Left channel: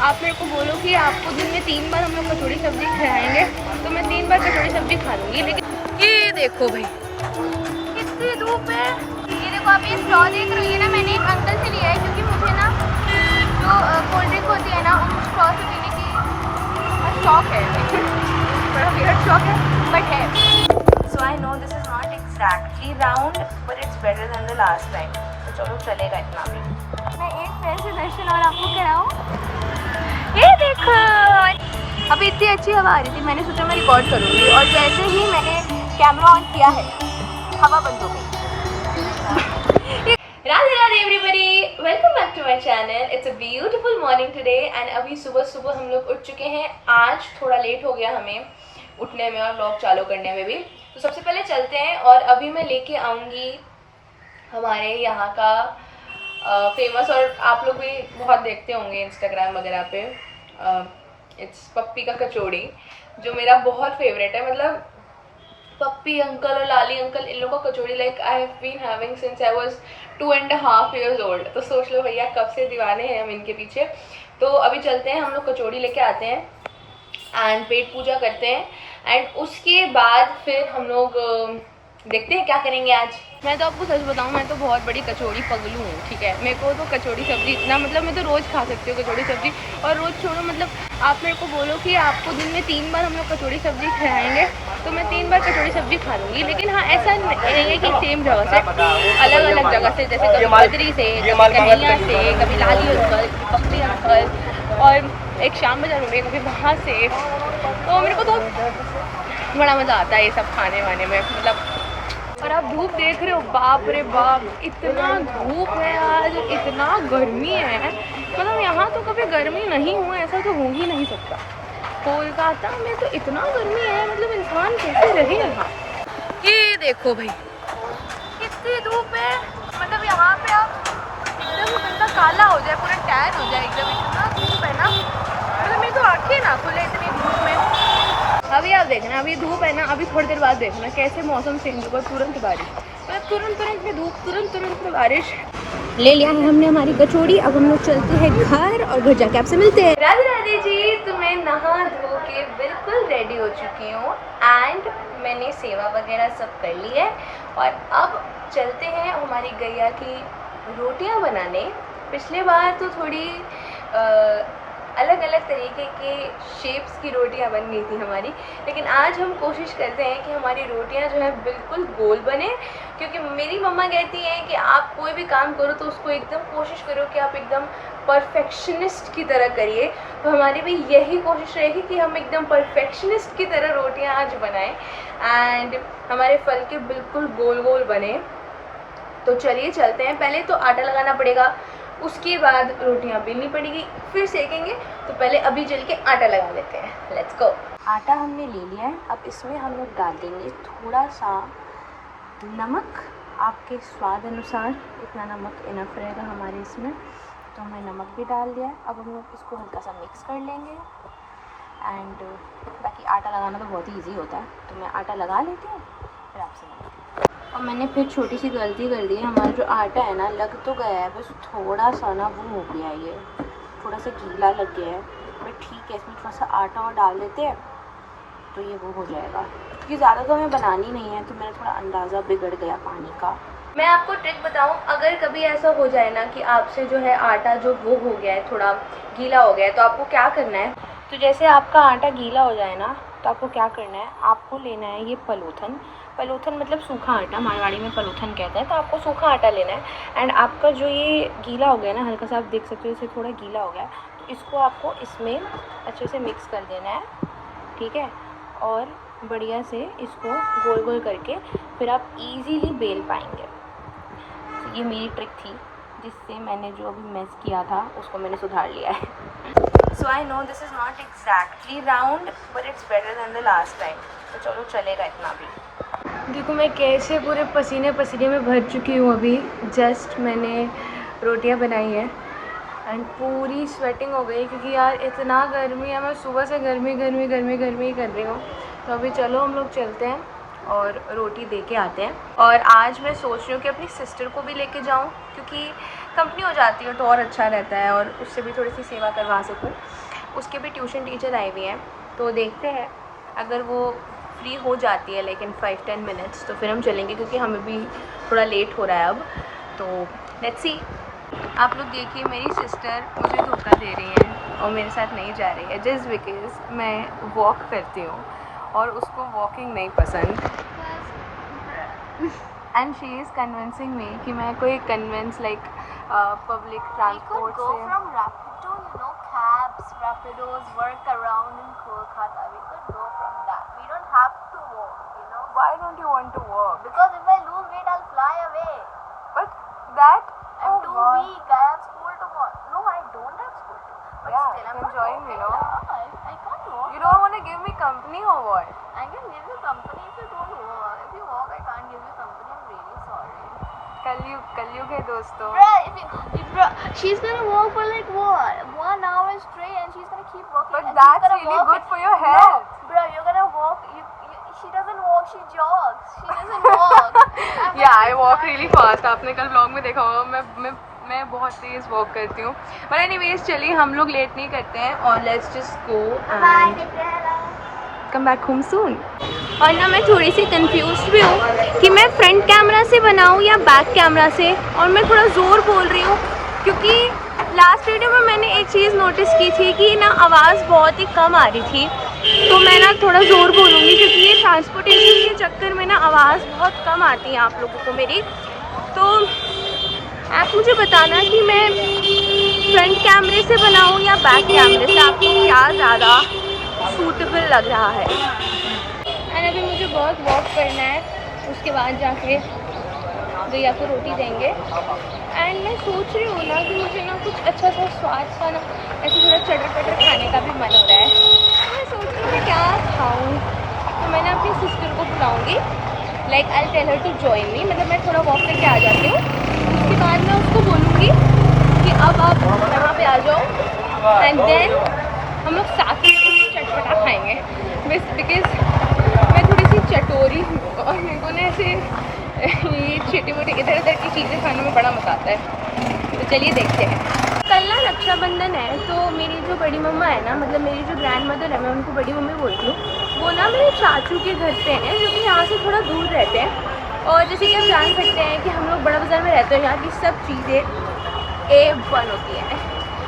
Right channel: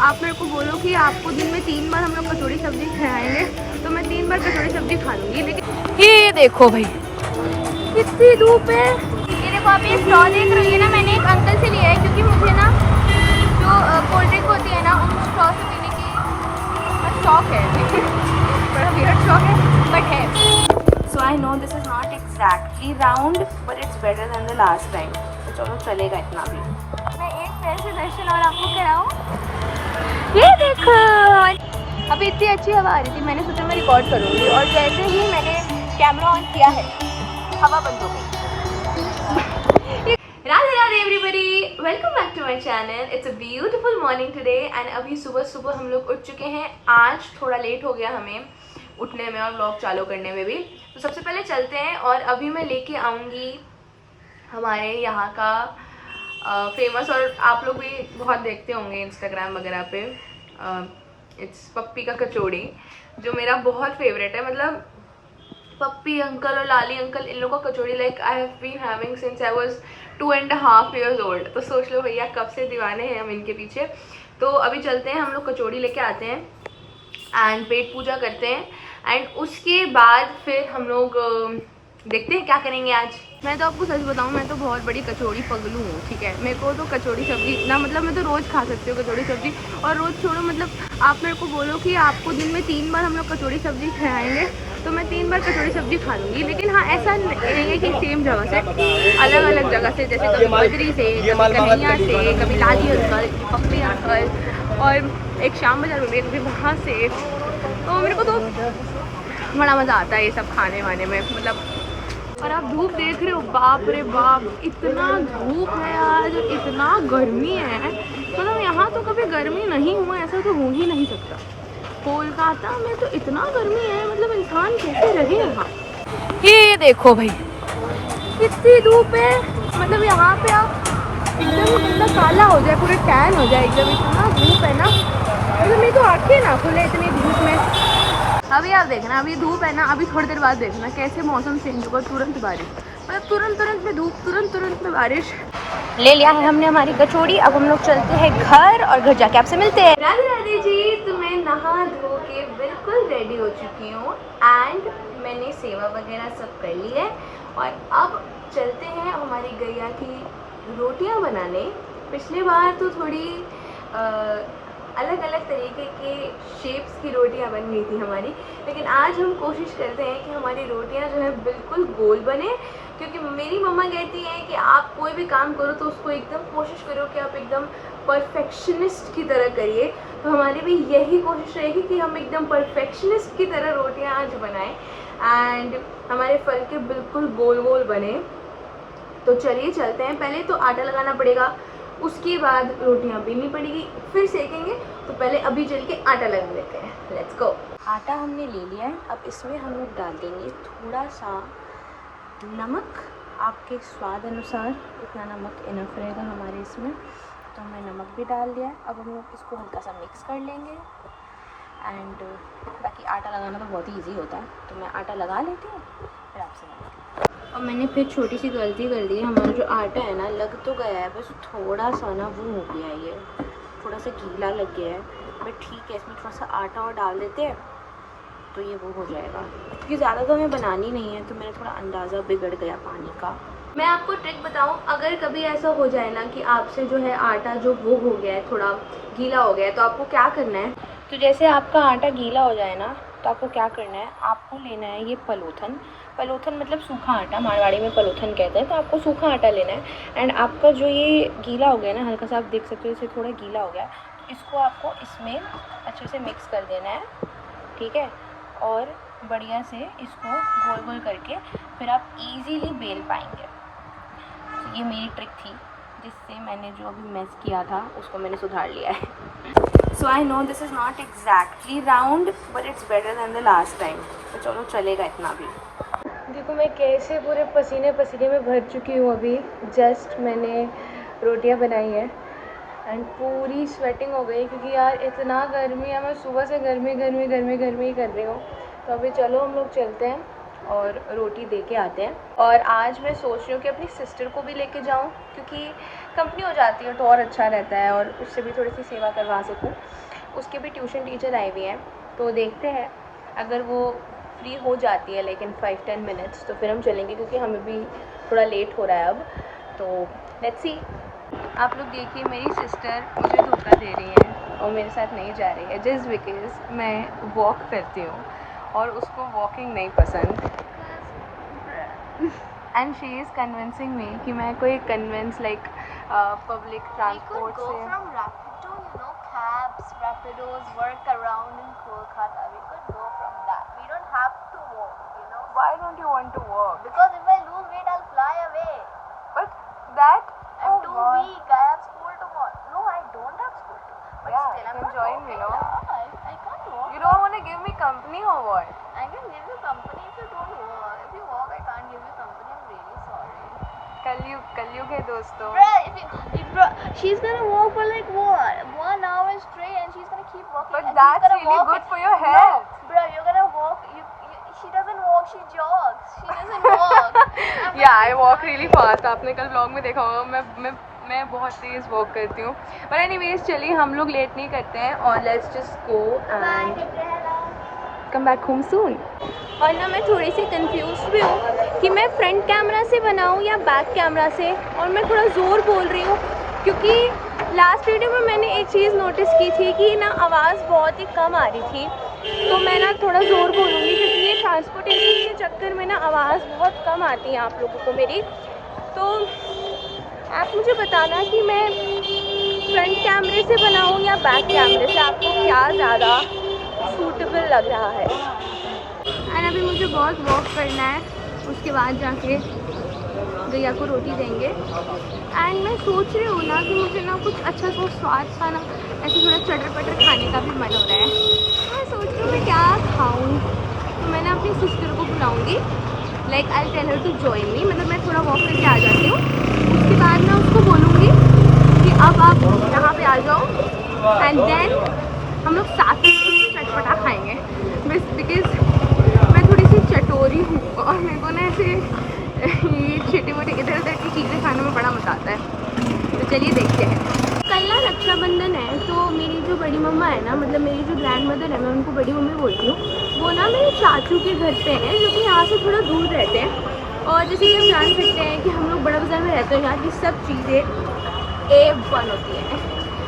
आप मेरे को बोलो कि आपको दिन में 3 बार हम लोग कचौड़ी सब्जी खिलाएंगे तो मैं 3 बार कचौड़ी सब्जी खा लूँगी। लेकिन ये देखो भाई कितनी धूप है। ये देखो आप ये स्ट्रॉ देख रही है ना, मैंने एक अंकल से लिया है क्योंकि मुझे ना जो कोल्ड ड्रिंक होती है ना उनको स्ट्रॉ से पीने की शौक है। बड़ा वियर्ड शौक है बट है। So I know this is not exactly round but it's better than the last time. तो चलो चलेगा इतना भी। मैं एक पैर से दर्शन और आपको कराऊं। ये देखो अभी इतनी अच्छी हवा आ रही थी, मैंने सोचा मैं रिकॉर्ड करूंगी और जैसे ही मैंने कैमरा ऑन किया है हवा बंद हो गई। Radhe Radhe everybody, welcome back to my channel. It's a beautiful morning today and अभी सुबह सुबह हम लोग उठ चुके हैं। आज थोड़ा लेट हो गया हमें उठने में और व्लॉग चालू करने में भी। तो सबसे पहले चलते हैं और अभी मैं लेके आऊँगी हमारे यहाँ का फेमस, और आप लोग भी बहुत देखते होंगे इंस्टाग्राम वगैरह पे, इट्स पप्पी का कचौड़ी जो मेरा बहुत फेवरेट है। मतलब पप्पी अंकल और लाली अंकल इन लोगों का kachori like I have been having since I was 2.5 years old. तो सोच लो भैया कब से दीवाने हैं हम इनके पीछे। तो अभी चलते हैं, हम लोग कचौड़ी लेके आते हैं एंड पेट पूजा करते हैं एंड उसके बाद फिर हम लोग देखते हैं क्या करेंगे आज। मैं तो आपको सच बताऊं, मैं तो बहुत बड़ी कचौड़ी पगलू हूँ, ठीक है। मेरे को तो कचौड़ी सब्जी इतना, मतलब मैं तो रोज़ खा सकती हूँ कचौड़ी सब्जी। और रोज़ छोड़ो, मतलब आप मेरे को बोलो कि आपको दिन में 3 बार हम लोग कचौड़ी सब्जी खिलाएंगे तो मैं 3 बार कचौड़ी सब्जी खा लूँगी। लेकिन हाँ, ऐसा नहीं है कि सेम जगह से, अलग अलग जगह से, जैसे कभी बद्री से, कभी कन्हैया से, कभी लाली अंकल, पप्पी अंकल, और एक शाम बाजार में कभी वहाँ से। तो मेरे को तो बड़ा मज़ा आता है ये सब खाने वाने में, मतलब। और आप धूप देख रहे हो, बाप रे बाप, इतना धूप है आज, इतना गर्मी है। मतलब यहाँ तो कभी गर्मी नहीं हुआ, ऐसा तो हो ही नहीं सकता। कोलकाता में तो इतना गर्मी है, मतलब इंसान कैसे रहे यहाँ। ये देखो भाई कितनी धूप है। मतलब यहाँ पे आप एकदम बंदा काला हो जाए, पूरे टैन हो जाए एकदम, इतना धूप है ना। मतलब मेरी तो आँखें ना खुले इतनी धूप में। अभी आप देखना, अभी धूप है ना, अभी थोड़ी देर बाद देखना कैसे मौसम चेंज होगा, तुरंत बारिश। मतलब तुरंत में धूप, तुरंत में बारिश। ले लिया है हमने हमारी कचौड़ी, अब हम लोग चलते हैं घर और घर जाके आपसे मिलते हैं। राधे राधे जी, तो मैं नहा धो के बिल्कुल रेडी हो चुकी हूँ एंड मैंने सेवा वगैरह सब कर ली है और अब चलते हैं हमारी गैया की रोटियाँ बनाने। पिछले बार तो थोड़ी अलग अलग तरीके के शेप्स की रोटियां बन गई थी हमारी, लेकिन आज हम कोशिश करते हैं कि हमारी रोटियां जो है बिल्कुल गोल बने। क्योंकि मेरी मम्मा कहती हैं कि आप कोई भी काम करो तो उसको एकदम कोशिश करो कि आप एकदम परफेक्शनिस्ट की तरह करिए। तो हमारी भी यही कोशिश रहेगी कि हम एकदम परफेक्शनिस्ट की तरह रोटियां आज बनाएं एंड हमारे फल के बिल्कुल गोल गोल बने। तो चलिए चलते हैं। पहले तो आटा लगाना पड़ेगा, उसके बाद रोटियां बेलनी पड़ेगी, फिर सेकेंगे। तो पहले अभी चल के आटा लगा लेते हैं, लेट्स गो। आटा हमने ले लिया है, अब इसमें हम लोग डाल देंगे थोड़ा सा नमक, आपके स्वाद अनुसार। इतना नमक इनफ रहेगा हमारे इसमें, तो हमने नमक भी डाल दिया है। अब हम लोग इसको हल्का सा मिक्स कर लेंगे एंड बाकी आटा लगाना तो बहुत ही ईजी होता है, तो मैं आटा लगा लेती हूँ फिर आपसे। और मैंने फिर छोटी सी गलती कर दी, हमारा जो आटा है ना लग तो गया है, बस थोड़ा सा ना वो हो गया है, ये थोड़ा सा गीला लग गया है। बट ठीक है, इसमें थोड़ा सा आटा और डाल देते हैं तो ये वो हो जाएगा। क्योंकि ज़्यादा तो हमें बनानी नहीं है, तो मेरा थोड़ा अंदाज़ा बिगड़ गया पानी का। मैं आपको ट्रिक बताऊं, अगर कभी ऐसा हो जाए ना कि आपसे जो है आटा जो वो हो गया है, थोड़ा गीला हो गया है, तो आपको क्या करना है। तो जैसे आपका आटा गीला हो जाए ना, तो आपको क्या करना है, आपको लेना है ये पलोथन मतलब सूखा आटा, मारवाड़ी में पलोथन कहते हैं। तो आपको सूखा आटा लेना है एंड आपका जो ये गीला हो गया ना, हल्का सा आप देख सकते हो इसे थोड़ा गीला हो गया, तो इसको आपको इसमें अच्छे से मिक्स कर देना है, ठीक है। और बढ़िया से इसको गोल गोल करके फिर आप इजीली बेल पाएंगे। तो ये मेरी ट्रिक थी, जिससे मैंने जो अभी मेस किया था उसको मैंने सुधार लिया है। So I know this is not exactly round but it's better than the last time. तो चलो चलेगा इतना भी। देखो मैं कैसे पूरे पसीने में भर चुकी हूँ अभी। जस्ट मैंने रोटियां बनाई है एंड पूरी स्वेटिंग हो गई, क्योंकि यार इतना गर्मी है, मैं सुबह से गर्मी ही कर रही हूँ। तो अभी चलो हम लोग चलते हैं और रोटी दे के आते हैं। और आज मैं सोच रही हूँ कि अपनी सिस्टर को भी लेके जाऊँ, क्योंकि कंपनी हो जाती है तो और अच्छा रहता है, और उससे भी थोड़ी सी सेवा करवा सकूँ। उसके भी ट्यूशन टीचर आई हुई हैं, तो देखते हैं अगर वो फ्री हो जाती है लेकिन 5-10 मिनट्स तो फिर हम चलेंगे, क्योंकि हमें भी थोड़ा लेट हो रहा है अब। तो लेट्स सी। आप लोग देखिए, मेरी सिस्टर मुझे धोखा दे रही है और मेरे साथ नहीं जा रही है, जस्ट बिकॉज मैं वॉक करती हूँ और उसको वॉकिंग नहीं पसंद। एंड शी इज़ कन्विंसिंग मी कि मैं कोई कन्विंस लाइक पब्लिक ट्रांसपोर्ट से Rapidos work around in Kolkata. We could go from that. We don't have to walk, you know. Why don't you want to walk? Because if I lose weight, I'll fly away. But that. I'm too weak. I have school tomorrow. No, I don't have school tomorrow. But yeah, still, you can join me, no? I can't walk. You don't want to give me company or what? I can give you company if you don't walk. If you walk, I can't give you company. I'm really sorry. कलयुग है दोस्तों. Bro, she's gonna walk for like what? 1 hour straight, and she's gonna keep walking. But that's really good for your health. No, bro, you're gonna walk. She doesn't walk. She jogs. She doesn't walk. Yeah, I walk really fast. आपने कल vlog में देखा होगा, मैं बहुत तेज walk करती हूँ. But anyways, चलिए हम लोग लेट नहीं करते हैं और let's just go and come back home soon. और ना मैं थोड़ी सी कंफ्यूज भी हूँ कि मैं फ्रंट कैमरा से बनाऊँ या बैक कैमरा से, और मैं थोड़ा ज़ोर बोल रही हूँ क्योंकि लास्ट वीडियो में मैंने एक चीज़ नोटिस की थी कि ना आवाज़ बहुत ही कम आ रही थी, तो मैं ना थोड़ा ज़ोर बोलूँगी क्योंकि ये ट्रांसपोर्टेशन के चक्कर में ना आवाज़ बहुत कम आती है आप लोगों को मेरी. तो आप मुझे बताना कि मैं फ्रंट कैमरे से बनाऊँ या बैक कैमरे से, आपको क्या ज़्यादा सूटेबल लग रहा है. एंड अभी मुझे बहुत वॉक करना है, उसके बाद जाके गैया को रोटी देंगे. एंड मैं सोच रही हूँ ना कि मुझे ना कुछ अच्छा सा स्वाद सा ना ऐसे थोड़ा चटर पटर खाने का भी मन हो रहा है. तो मैं सोच रही हूँ मैं क्या खाऊँ, तो मैंने अपनी सिस्टर को बुलाऊँगी. Like I tell her to join me, मतलब मैं थोड़ा वॉक करके आ जाती हूँ, उसके बाद मैं उसको बोलूँगी कि अब आप यहाँ पे आ जाओ एंड देन हम लोग साथ में कुछ चटपटा खाएँगे. बिकॉज मैं थोड़ी सी चटोरी हूँ और मेरे को ना ऐसे ये छोटी मोटी इधर उधर की चीज़ें खाने में बड़ा मज़ा आता है. तो चलिए देखते हैं. कल ना रक्षाबंधन है, तो मेरी जो बड़ी मम्मा है ना, मतलब मेरी जो ग्रैंड मदर है, मैं उनको बड़ी मम्मी बोलती हूँ, वो ना मेरे चाचू के घर पे हैं जो कि यहाँ से थोड़ा दूर रहते हैं. और जैसे कि आप जान सकते हैं कि हम लोग बड़ा बाज़ार में रहते हैं, यहाँ की सब चीज़ें A1 होती हैं.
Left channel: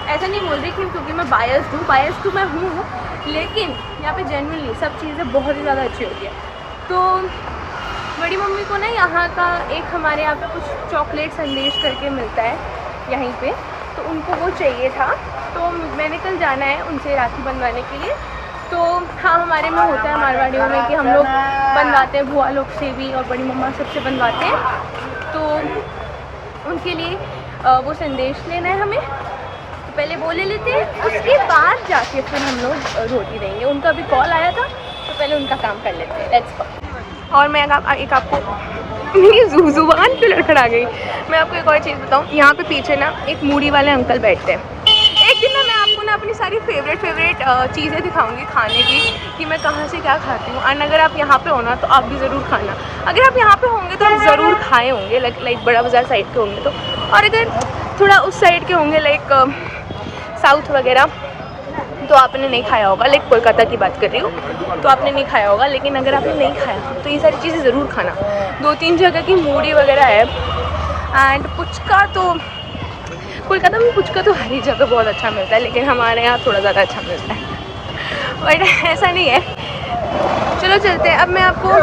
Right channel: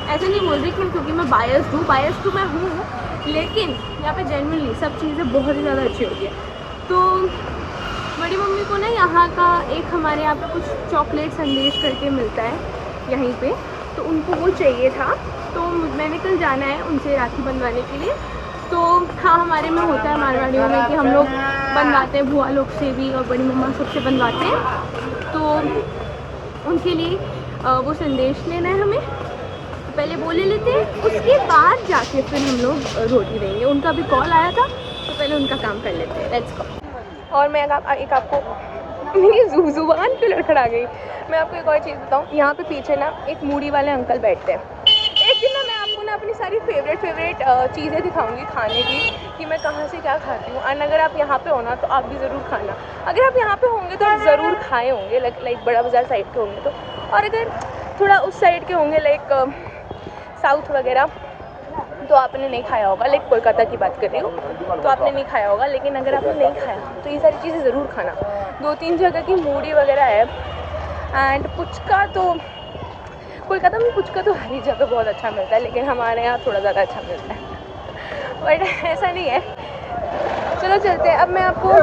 ऐसा नहीं बोल रही क्योंकि मैं बायस तो मैं हूँ, लेकिन यहाँ पे जेन्युइनली सब चीज़ें बहुत ही ज़्यादा अच्छी होती है. तो बड़ी मम्मी को ना यहाँ का एक हमारे यहाँ पे कुछ चॉकलेट संदेश करके मिलता है यहीं पे, तो उनको वो चाहिए था. तो मैंने कल जाना है उनसे राखी बनवाने के लिए. तो हाँ, हमारे में होता है मारवाड़ियों में कि हम लोग बनवाते हैं, भुआ लोग से भी और बड़ी मम्मा सबसे बनवाते हैं. तो उनके लिए वो संदेश लेना है हमें, तो पहले वो ले लेते हैं, उसके बाद जाके फिर हम लोग रोटी देंगे. उनका भी कॉल आया था, तो पहले उनका काम कर लेते हैं. Let's go. और मैं एक आपको मेरी जुबान क्यों लड़खड़ा गई, मैं आपको एक और चीज़ बताऊँ. यहाँ पे पीछे ना एक मूढ़ी वाले अंकल बैठते हैं. एक दिन ना मैं आपको ना अपनी सारी फेवरेट चीज़ें दिखाऊंगी खाने की, कि मैं कहाँ से क्या खाती हूँ. एंड अगर आप यहाँ पे हो ना तो आप भी ज़रूर खाना. अगर आप यहाँ पे होंगे तो आप ज़रूर खाए होंगे, लाइक बड़ा बाज़ार साइड के होंगे तो. और अगर थोड़ा उस साइड के होंगे लाइक साउथ वगैरह, तो आपने नहीं खाया होगा. लाइक कोलकाता की बात कर रही हूँ, तो आपने नहीं खाया होगा. लेकिन अगर आपने नहीं खाया तो ये सारी चीज़ें ज़रूर खाना. 2-3 जगह की मूढ़ी वगैरह है. एंड पुचका तो कोलकाता में पुचका तो हर एक जगह बहुत अच्छा मिलता है, लेकिन हमारे यहाँ थोड़ा ज़्यादा अच्छा मिलता है. बट ऐसा नहीं है. चलो चलते हैं. अब मैं आपको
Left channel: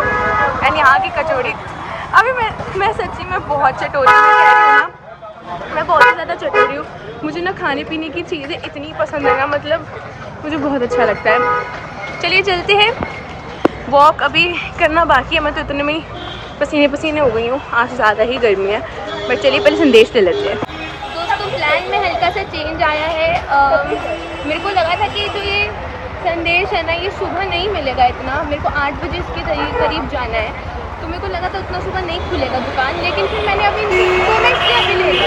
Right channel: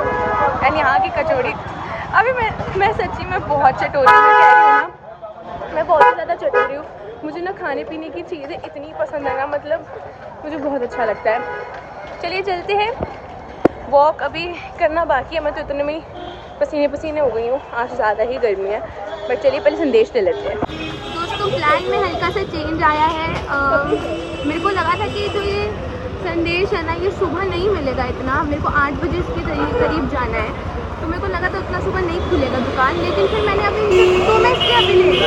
एंड यहाँ की कचौड़ी, अभी मैं सच्ची में बहुत चटोरी में कह रही हूँ ना, मैं बहुत ज़्यादा चटोरी हूँ. मुझे ना खाने पीने की चीज़ें इतनी पसंद है ना, मतलब मुझे बहुत अच्छा लगता है. चलिए चलते हैं. वॉक अभी करना बाकी है, मैं तो इतने में ही पसीने हो गई हूँ. आज ज़्यादा ही गर्मी है, बट चलिए पहले संदेश ले लेते हैं. दोस्तों, प्लान में हल्का सा चेंज आया है. मेरे को लगा था कि जो ये संदेश है ना, ये सुबह नहीं मिलेगा इतना. मेरे को 8 बजे इसके करीब जाना है, तो मेरे को लगा था उतना सुबह नहीं खुलेगा दुकान. लेकिन फिर मैंने अभी 2 मिनट की अभी ले ली,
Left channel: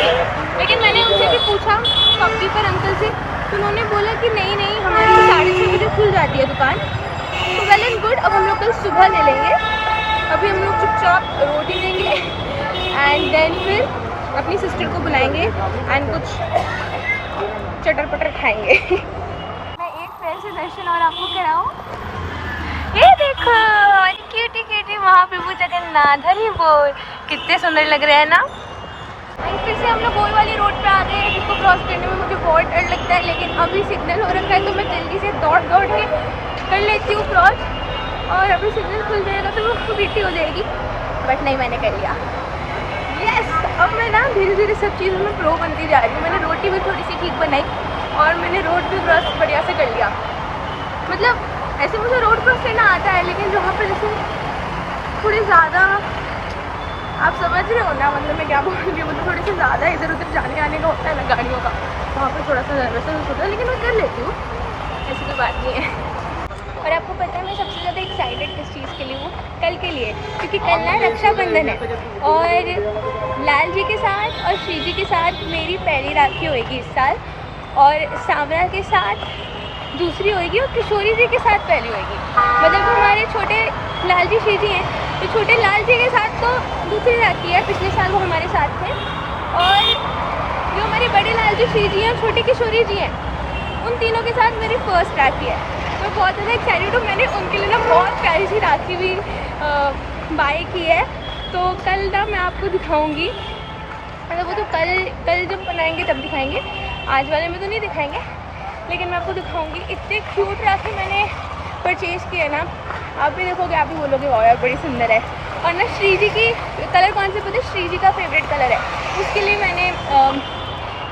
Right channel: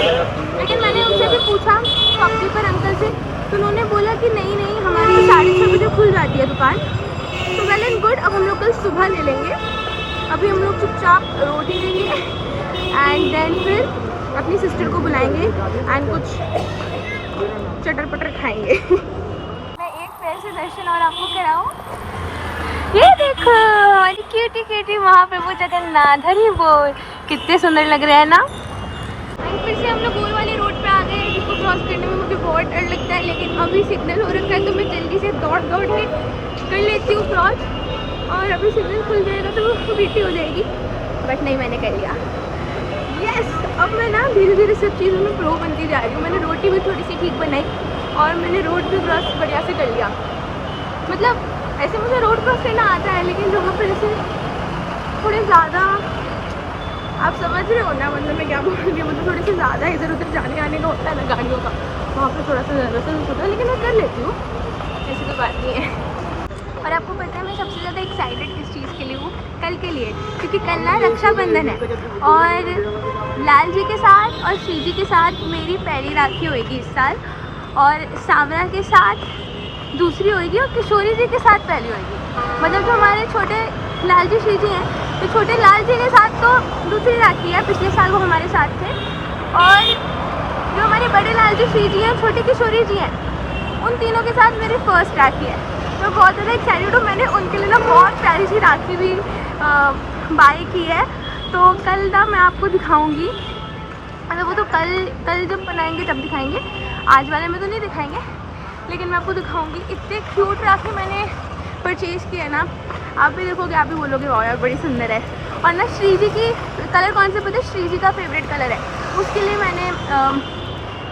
लेकिन मैंने उनसे भी पूछा शॉपकीपर अंकल से, तो उन्होंने बोला कि नहीं हमारी तो 6:30 बजे खुल जाती है दुकान. तो वेल एंड गुड. अब हम लोग कल सुबह ले लेंगे. अभी हम लोग चुपचाप रोटी देंगे एंड देन फिर अपनी सिस्टर को बुलाएंगे एंड कुछ चटर पटर खाएंगे। मैं एक पैर से दर्शन और आपको कराऊं। ये देखो हमारी क्यूटी क्यूटी महाप्रभु जगन्नाथ, हरि बोल। कितने सुंदर लग रहे हैं ना। फिर से हम लोग गोल वाली रोड पे आ गए हैं, जिसको क्रॉस करने में मुझे बहुत डर लगता है, लेकिन अभी सिग्नल हो रखा है तो मैं जल्दी से दौड़ कर लेती हूँ क्रॉस। और अभी सिग्नल खुल जाएगा तो वो बीटी हो जाएगी, बट नहीं, मैंने कर लिया। यस, अब मैं ना धीरे धीरे सब चीज़ों में प्रो बनती जा रही हूँ। मैंने रोटी भी थोड़ी सी ठीक बनाई और मैंने रोड भी क्रॉस बढ़िया से कर लिया। मतलब ऐसे मुझे रोड क्रॉस करना आता है, लेकिन जहाँ पर जैसे थोड़े ज़्यादा, आप समझ रहे हो ना मतलब मैं क्या बोल रही हूँ, मतलब थोड़े से ज़्यादा इधर उधर जाने आने का होता है ना गाड़ियों का, वहाँ पर थोड़ा सा वैसा होता है, लेकिन मैं कर लेती हूँ, ऐसी कोई बात नहीं है। और आपको पता है मैं सबसे ज़्यादा एक्साइटेड किस चीज़ के लिए हूँ? कल के लिए, क्योंकि कल ना रक्षाबंधन है और लाल जी के साथ और श्री जी के साथ मेरी पहली राखी होएगी इस साल, और सांवरा के साथ दूसरी होएगी और किशोरी जी के साथ पहली होएगी। मतलब जो हमारे छोटे लाल जी श्री जी हैं, तो छोटे लाल जी के साथ तो दूसरी राखी है, पिछले साल वो हमारे साथ थे, और जो हमारे बड़े लाल जी श्री जी हैं, छोटे किशोरी जी हैं, उन तीनों के साथ मेरी फर्स्ट राखी है। मैं बहुत ज़्यादा एक्साइटेड हूँ। मैंने उनके लिए ना बहुत प्यारी सी राखी भी बाय की है, तो कल ना मैं आपको दिखाऊंगी। मतलब वो तो कल जब बनाएंगे तब दिखाएंगे, आज वाले में तो नहीं दिखाएंगे, लेकिन मैं आपको दिखाऊंगी। इतने क्यूट राखी मैंने परचेज़ की है ना, आप भी देखोगे आप भी बोलोगे वाह यार बड़ी सुंदर है। और ना श्री जी की कलर कौन से पता है? श्री जी का फेवरेट कलर है, उसके लिए मैंने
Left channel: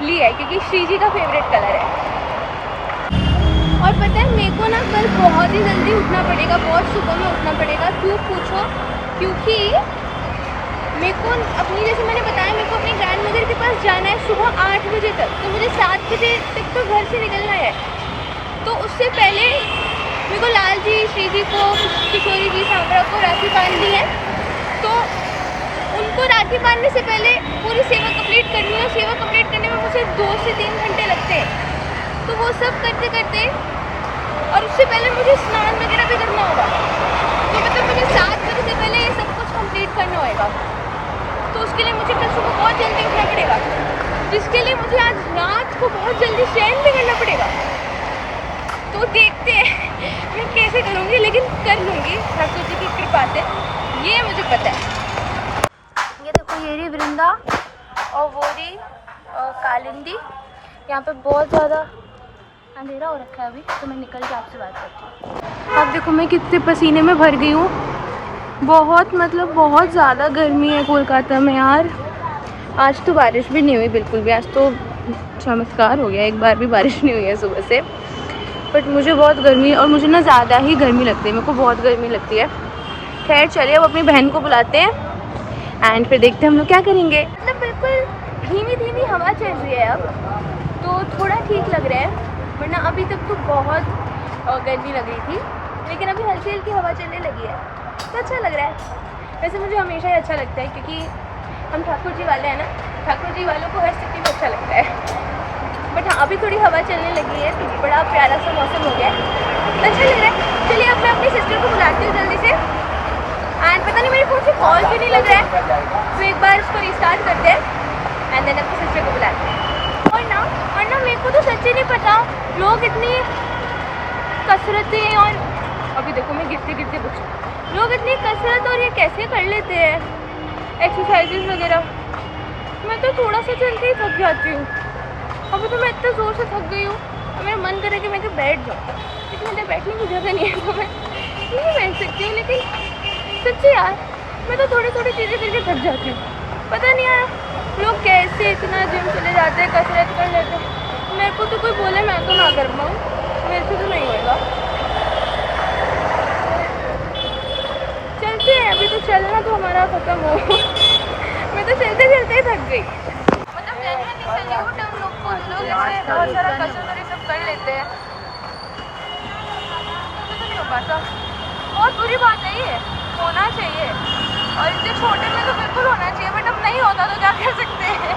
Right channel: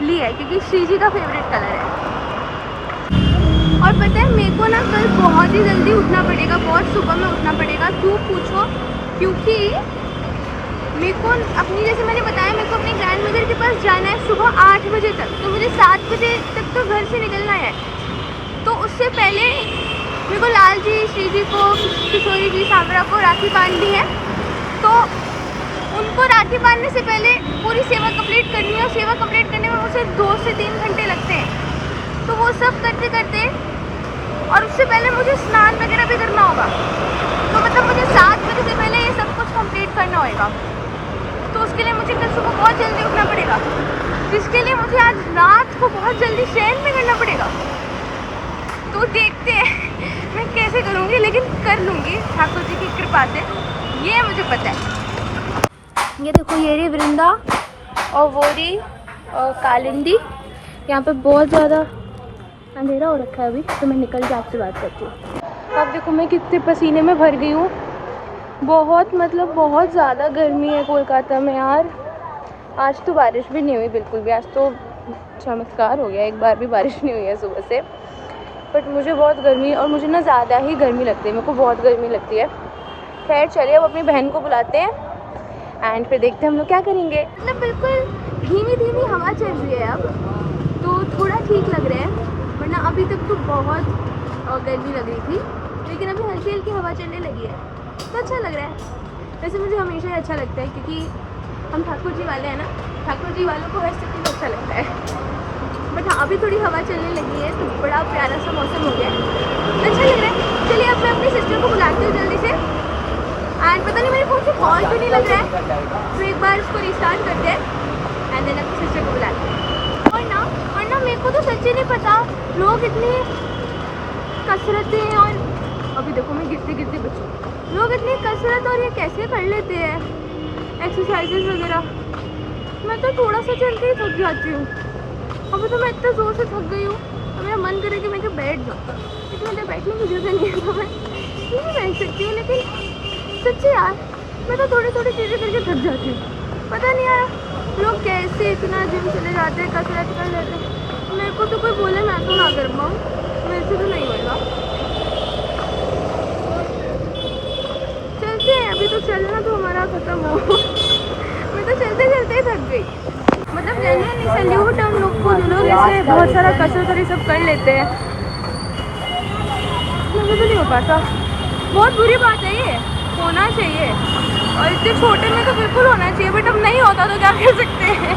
ली है, क्योंकि श्री जी का फेवरेट कलर है। और पता है मेरे को ना कल बहुत ही जल्दी उठना पड़ेगा, बहुत सुबह में उठना पड़ेगा। क्यों पूछो? क्योंकि मेरे को अपनी, जैसे मैंने बताया, मेरे को अपने ग्रैंड मदर के पास जाना है सुबह 8 बजे तक, तो मुझे 7 बजे तक तो घर से निकलना है। तो उससे पहले मेरे को लाल जी, श्री जी को, किशोरी जी, सांवरा को राखी बांधनी है, तो उनको राखी बांधने से पहले पूरी सेवा कंप्लीट करनी है। सेवा कंप्लीट करने में मुझे 2 से 3 घंटे लगते हैं, तो वो सब करते करते, और उससे पहले मुझे स्नान वगैरह भी करना होगा, तो मतलब मुझे 7 बजे से पहले ये सब कुछ कंप्लीट करना होगा। तो उसके लिए मुझे कल सुबह बहुत जल्दी उठना पड़ेगा, जिसके लिए मुझे आज रात को बहुत जल्दी शयन भी करना पड़ेगा। तो देखते हैं मैं कैसे करूँगी, लेकिन कर लूँगी ठाकुर जी की कृपा से, ये मुझे पता है। ये देखो, ये रही वृंदा और वो रही कालिंदी। यहाँ पे बहुत ज़्यादा अंधेरा हो रखा है अभी, तो मैं निकल के आपसे बात करती हूँ। अब देखो मैं कितने पसीने में भर गई हूँ। बहुत मतलब बहुत ज़्यादा गर्मी है कोलकाता में यार। आज तो बारिश भी नहीं हुई बिल्कुल भी, आज तो चमत्कार हो गया, एक बार भी बारिश नहीं हुई है सुबह से। बट मुझे बहुत गर्मी, और मुझे ना ज़्यादा ही गर्मी लगती है, मेरे को बहुत गर्मी लगती है। खैर चलिए अब अपनी बहन को बुलाते हैं एंड फिर देखते हैं हम लोग क्या करेंगे। मतलब बिल्कुल धीमी धीमी हवा चल रही है अब, तो थोड़ा ठीक लग रहा है, वरना अभी तक तो बहुत गर्मी लग रही थी, लेकिन अभी हल्की हल्की हवा चलने लगी है, तो अच्छा लग रहा है। वैसे मुझे हमेशा ही अच्छा लगता है, क्योंकि हम ठाकुर जी वाले हैं ना, ठाकुर जी वालों को हर स्थिति में अच्छा लगता है। बट हाँ, अभी थोड़ी हवा चलने लगी है, तो बड़ा प्यारा सा मौसम हो गया है, अच्छा लग रहा है। चलिए अब मैं अपनी सिस्टर को बुलाती हूँ जल्दी से। एंड पता नहीं मेरे फ़ोन से कॉल क्यों नहीं लग रहा है, तो एक बार उसको रिस्टार्ट करते हैं एंड देन अपनी सिस्टर को बुलाते हैं। और ना मेरे को तो सच्ची नहीं पता, लोग इतनी कसरतें, और अभी देखो मैं गिरते गिरते बची, लोग इतनी कसरत और ये कैसे कर लेते हैं, एक्सरसाइजेस वगैरह। मैं तो थोड़ा सा चल के ही थक जाती हूँ। अभी तो मैं इतना ज़ोर से थक गई हूँ, और मेरा मन करे कि मैं क्या बैठ जाऊँ, लेकिन मेरे बैठने की जगह नहीं है, तो मैं नहीं बैठ सकती हूँ। लेकिन सच्ची यार, मैं तो थोड़ी थोड़ी चीज़ें करके थक जाती हूँ। पता नहीं यार लोग कैसे इतना जिम चले जाते हैं, कसरत कर लेते हैं। मेरे को तो कोई बोले मैं तो ना कर पाऊँ, मेरे से तो नहीं होएगा। चलते हैं, अभी तो चलना तो हमारा ख़त्म हो। मैं तो चलते चलते ही थक गई। मतलब जेन्युइनली सैल्यूट है उन लोग को जो लोग ऐसे बहुत सारा कसरत और ये सब कर लेते हैं। मुझे तो नहीं हो पाता, बहुत बुरी बात है ये, होना चाहिए, और इतने छोटे में तो बिल्कुल होना चाहिए, बट अब नहीं होता तो क्या कर सकते हैं।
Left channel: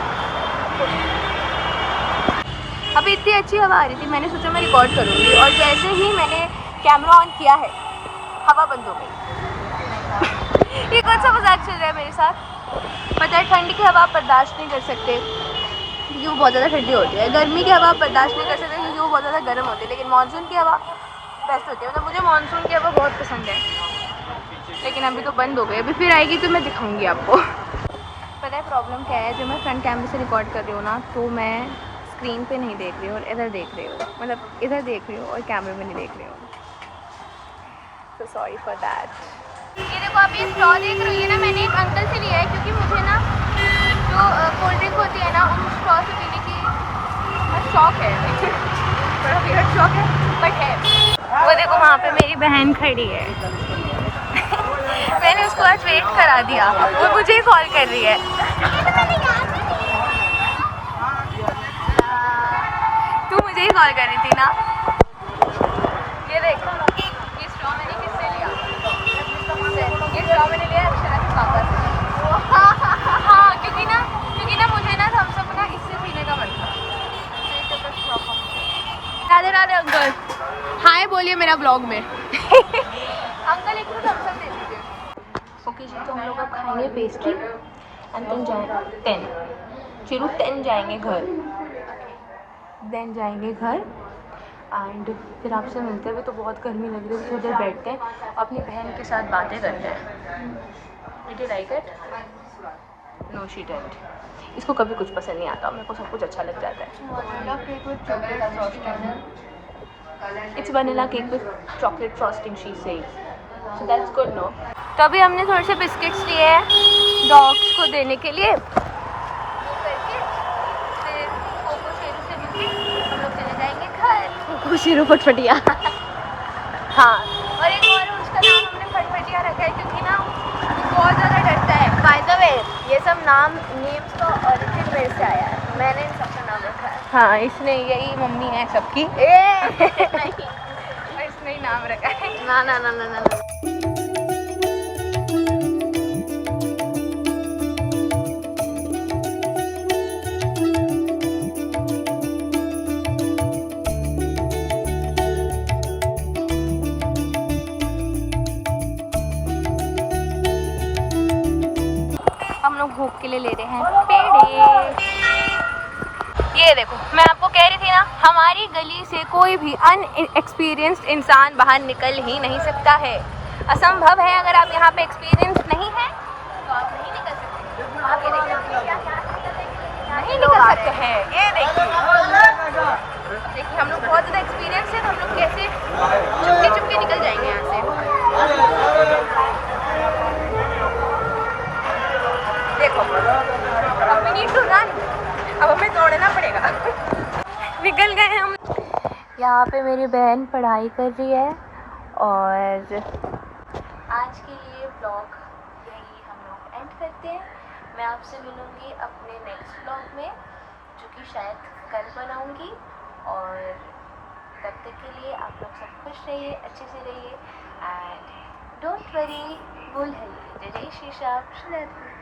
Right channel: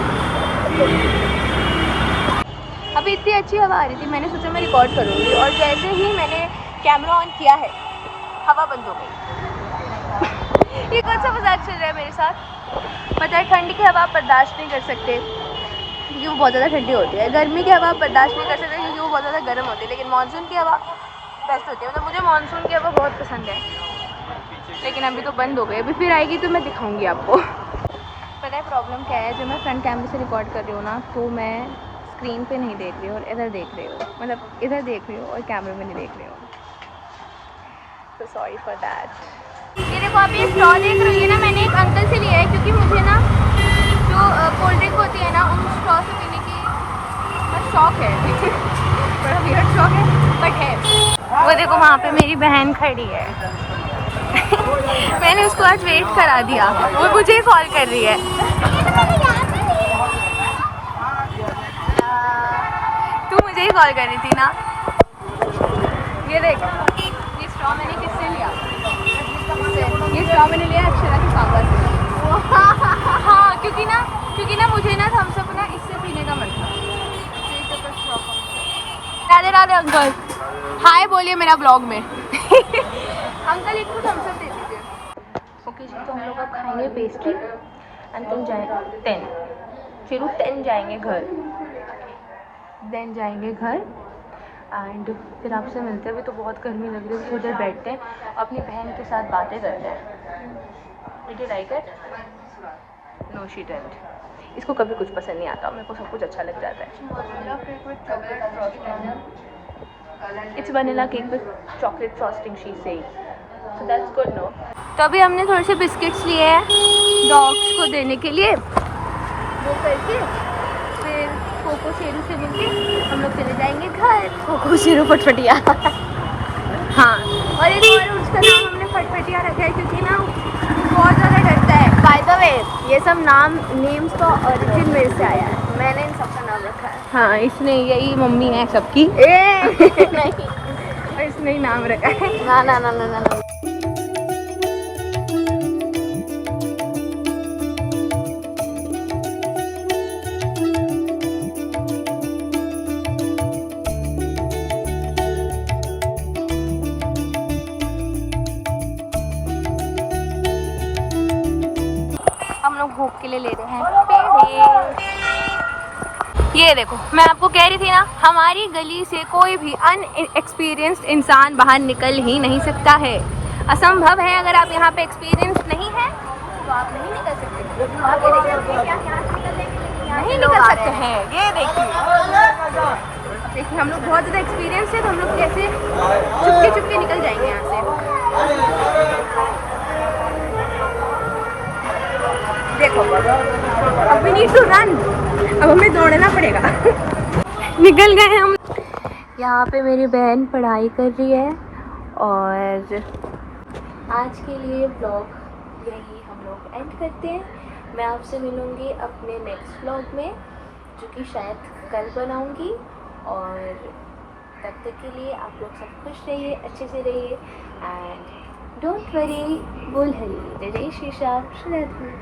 अभी इतनी अच्छी हवा आ रही थी, मैंने सोचा मैं रिकॉर्ड करूँगी, और जैसे ही मैंने कैमरा ऑन किया है हवा बंद हो गई। ये कौन सा मजाक चल रहा है मेरे साथ? पता है ठंड की हवा आप बर्दाश्त नहीं कर सकते क्योंकि वो बहुत ज़्यादा ठंडी होती है, गर्मी की हवा आप बर्दाश्त नहीं कर सकते क्योंकि वो बहुत ज़्यादा गर्म होती है, लेकिन मानसून की हवा बेस्ट होती है। मतलब मुझे मानसून की हवा बहुत पसंद है, लेकिन अभी तो बंद हो गई, अभी फिर आएगी तो मैं दिखाऊंगी आपको। पता है प्रॉब्लम क्या है, जब मैं फ्रंट कैमरे से रिकॉर्ड कर रही हूँ ना तो मैं स्क्रीन पे नहीं देख रही हूँ और इधर देख रही हूँ, मतलब इधर देख रही हूँ और कैमरे में नहीं देख रही हूँ, तो सॉरी फॉर दैट। ये देखो आप ये स्ट्रॉ देख रही है ना, मैंने एक अंकल से लिया है क्योंकि मुझे ना जो कोल्ड ड्रिंक होती है ना उन स्ट्रॉ से पीने की शौक है। बड़ा वियर्ड शौक है बट है। वो देखो वहाँ पे मेरी बहन खड़ी है। मैंने उसको आज वेट करा दिया, वो मुझे कॉल कर रही है। तू मुझे ही कॉल कर रही थी ना। ये देख, ये स्ट्रॉ मैंने किससे लिया? ये स्ट्रॉ मैंने लिया अक्षरा के पापा से। हाँ क्योंकि ना मुझे ना थम्स अप ना इससे पीने का मन था। राधे राधे अंकल, हाय बोलिए मेरा ब्लॉग में। अंकल एक तो थम्स अप दे दीजिए। ओके जी, तो हम लोग अब खाएंगे पेस्ट्री एंड देन जाएंगे 10, फिर 10 जाएंगे घर, देन जाएंगे घर एंड फिर आपसे मिलते हैं। अभी तो बहुत गर्मी लग रही है, थोड़ी देर बैठते हैं अपनी बहन के साथ बातें करते हैं। नो शी डिडंट, इसको कभी कुछ पसंद नहीं आता, मेरे को सब कुछ अच्छा लग जाता है। It's vanilla cake with chocolate frosting she said, so that's good no. तो अभी हमने थोड़े से बिस्किट्स लिए हैं डॉग्स को देने के लिए, वो करके फिर कोको शेरू से मिलके हम लोग चले जाएंगे घर। कोको शेरू को छुटिया। हाँ, और एक और उसका नाम हमने फटफटिया रखा है क्योंकि ना बहुत ज़्यादा डरता है। बाय द वे ये सब नेम्स का ओरिजिन मेरे से आया है, मैंने इन सबका नाम रखा है। हाँ, इसने, यही मम्मी है सबकी। और इसने ही नाम रखा है। ना ना ना ना ना। हम लोग भूख के लिए ले रहे हैं पेड़े। ये देखो, मैं आपको कह रही थी ना, हमारी गली से कोई भी अनएक्सपीरियंस्ड इंसान बाहर निकल ही नहीं सकता है, असंभव है। अगर आप यहाँ पे एक्सपीरियंस नहीं है तो आप नहीं निकल सकते। आप ये देखिए क्या यहाँ से निकल देंगे, नहीं निकल सकते हैं। ये देखिए हम लोग बहुत ज़्यादा एक्सपीरियंस है, तो हम लोग कैसे चुपके चुपके निकल जाएंगे यहाँ से। देखो अब वी नीड टू रन, अब हमें दौड़ना पड़ेगा। निकल गए हम। यहाँ पे मेरी बहन पढ़ाई कर रही है और आज के लिए व्लॉग यही हम लोग एंड करते हैं। मैं आपसे मिलूँगी अपने नेक्स्ट व्लॉग में, जो कि शायद कल बनाऊँगी। और तब तक के लिए आप लोग सब खुश रहिए, अच्छे से रहिए एंड डोंट वरी। बोल हरी, जय जय श्री श्याम।